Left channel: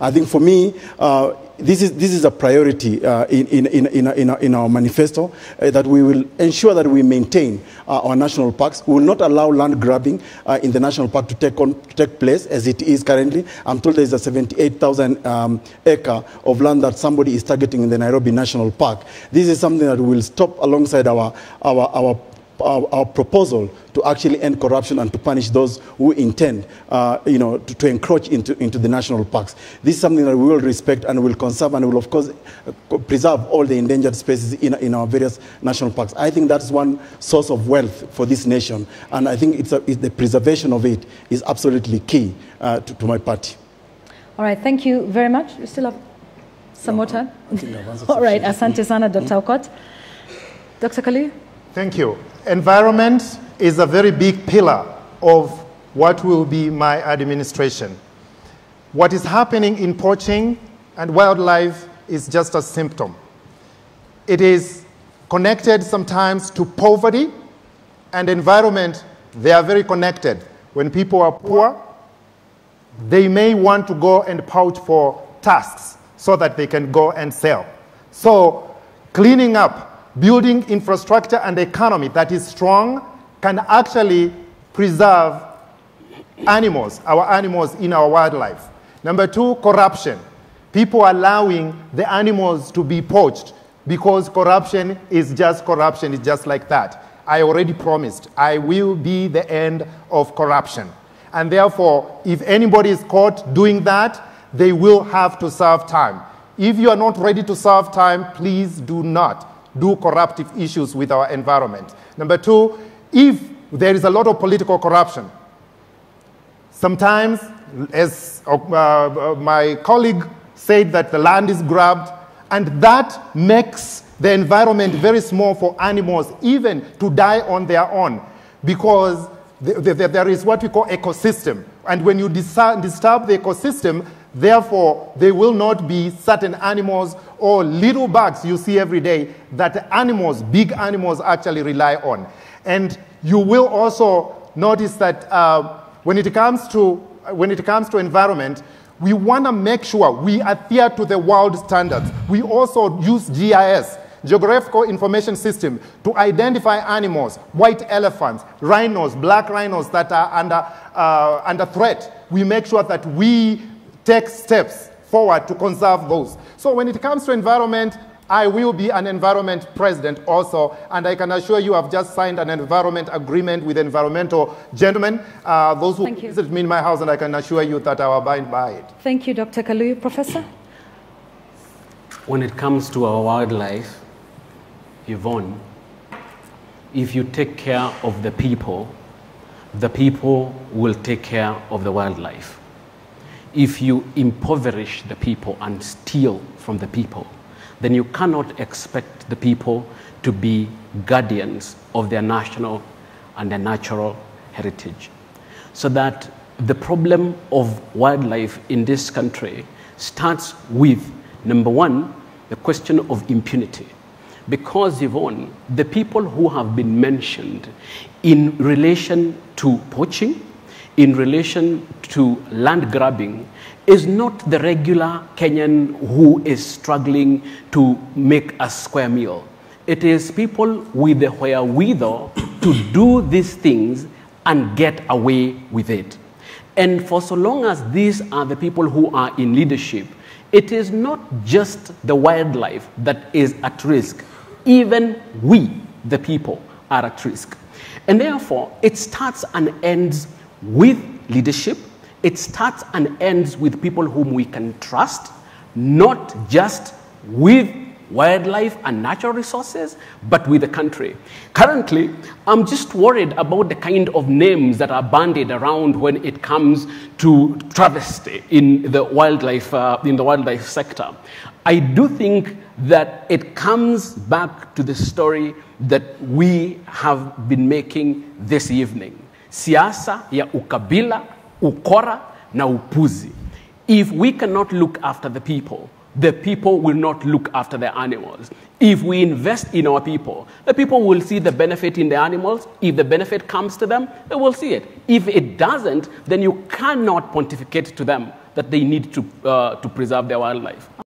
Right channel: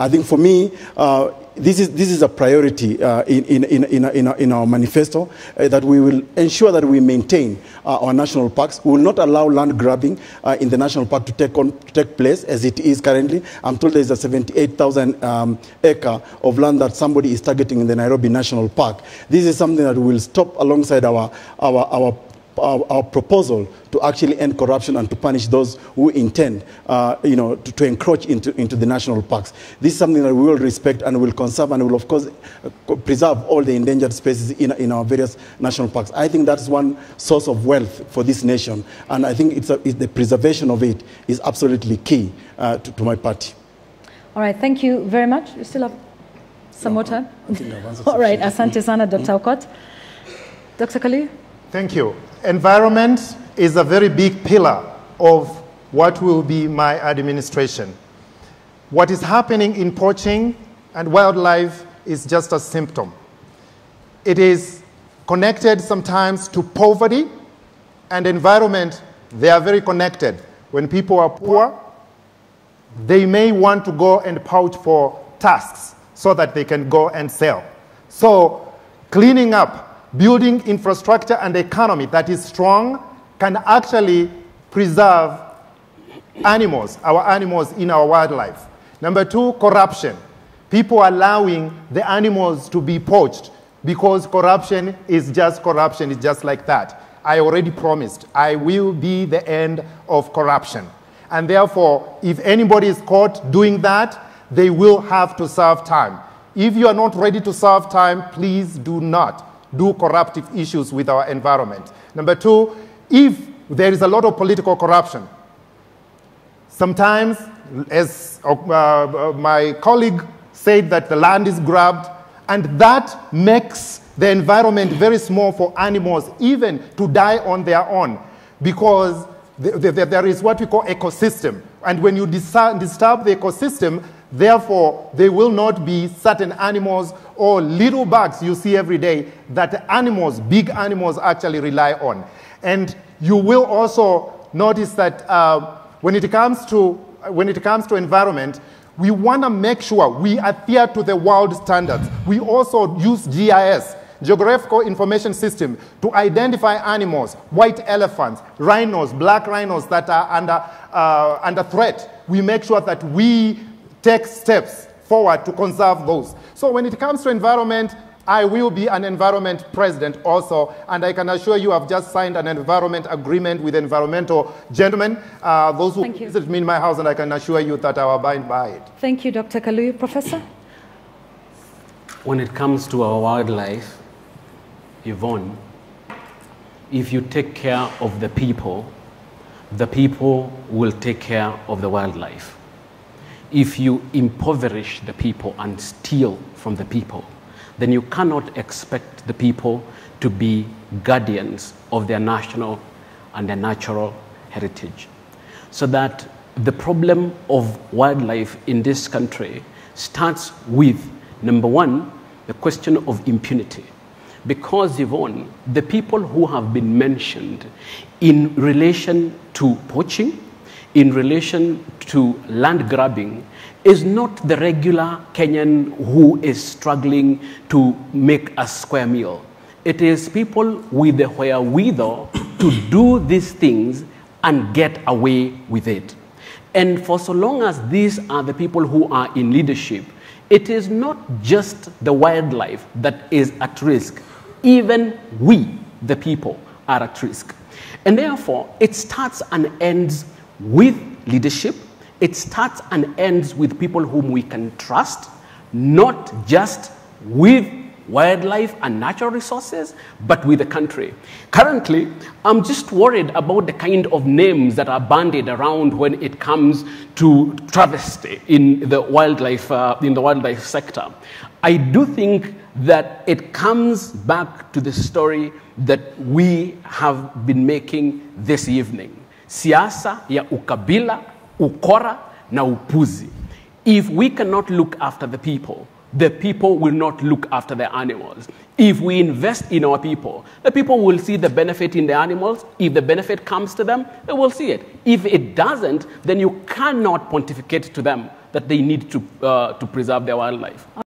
I think for me, this is a priority in our manifesto, that we will ensure that we maintain our national parks. We will not allow land grabbing in the national park to take place as it is currently. I'm told there's a 78,000 acre of land that somebody is targeting in the Nairobi National Park. This is something that we will stop alongside our proposal to actually end corruption and to punish those who intend, to encroach into the national parks. This is something that we will respect and will conserve and will, of course, preserve all the endangered species in our various national parks. I think that's one source of wealth for this nation, and I think the preservation of it is absolutely key to my party. All right, thank you very much. You still have some more time? All right, asante sana, Dr. Okot. Dr. Kali? Thank you. Environment is a very big pillar of what will be my administration. What is happening in poaching and wildlife is just a symptom. It is connected sometimes to poverty and environment. They are very connected. When people are poor, they may want to go and poach for tusks so that they can go and sell. So cleaning up, building infrastructure and economy that is strong can actually preserve animals, our animals in our wildlife. Number two, corruption. People allowing the animals to be poached because corruption is just like that. I already promised I will be the end of corruption. And therefore, if anybody is caught doing that, they will have to serve time. If you are not ready to serve time, please do not do corruptive issues with our environment. Number two, if there is a lot of political corruption, sometimes, as my colleague said, that the land is grabbed, and that makes the environment very small for animals even to die on their own, because there is what we call ecosystem. And when you disturb the ecosystem, therefore, there will not be certain animals or little bugs you see every day that animals, big animals, actually rely on. And you will also notice that when it comes to environment, we want to make sure we adhere to the world standards. We also use GIS, Geographical Information System, to identify animals, white elephants, rhinos, black rhinos that are under threat. We make sure that we take steps forward to conserve those. So when it comes to environment, I will be an environment president also, and I can assure you I've just signed an environment agreement with environmental gentlemen, those who visit me in my house, and I can assure you that I'll abide by it. Thank you, Dr. Kalui. Professor? When it comes to our wildlife, Yvonne, if you take care of the people will take care of the wildlife. If you impoverish the people and steal from the people, then you cannot expect the people to be guardians of their national and their natural heritage. So that the problem of wildlife in this country starts with, number one, the question of impunity. Because, Yvonne, the people who have been mentioned in relation to poaching, in relation to land grabbing, is not the regular Kenyan who is struggling to make a square meal. It is people with the wherewithal to do these things and get away with it. And for so long as these are the people who are in leadership, it is not just the wildlife that is at risk. Even we, the people, are at risk. And therefore, it starts and ends with leadership. It starts and ends with people whom we can trust, not just with wildlife and natural resources, but with the country. Currently, I'm just worried about the kind of names that are bandied around when it comes to travesty in the wildlife sector. I do think that it comes back to the story that we have been making this evening. Siasa ya ukabila, ukora na upuzi. If we cannot look after the people will not look after the animals. If we invest in our people, the people will see the benefit in the animals. If the benefit comes to them, they will see it. If it doesn't, then you cannot pontificate to them that they need to preserve their wildlife.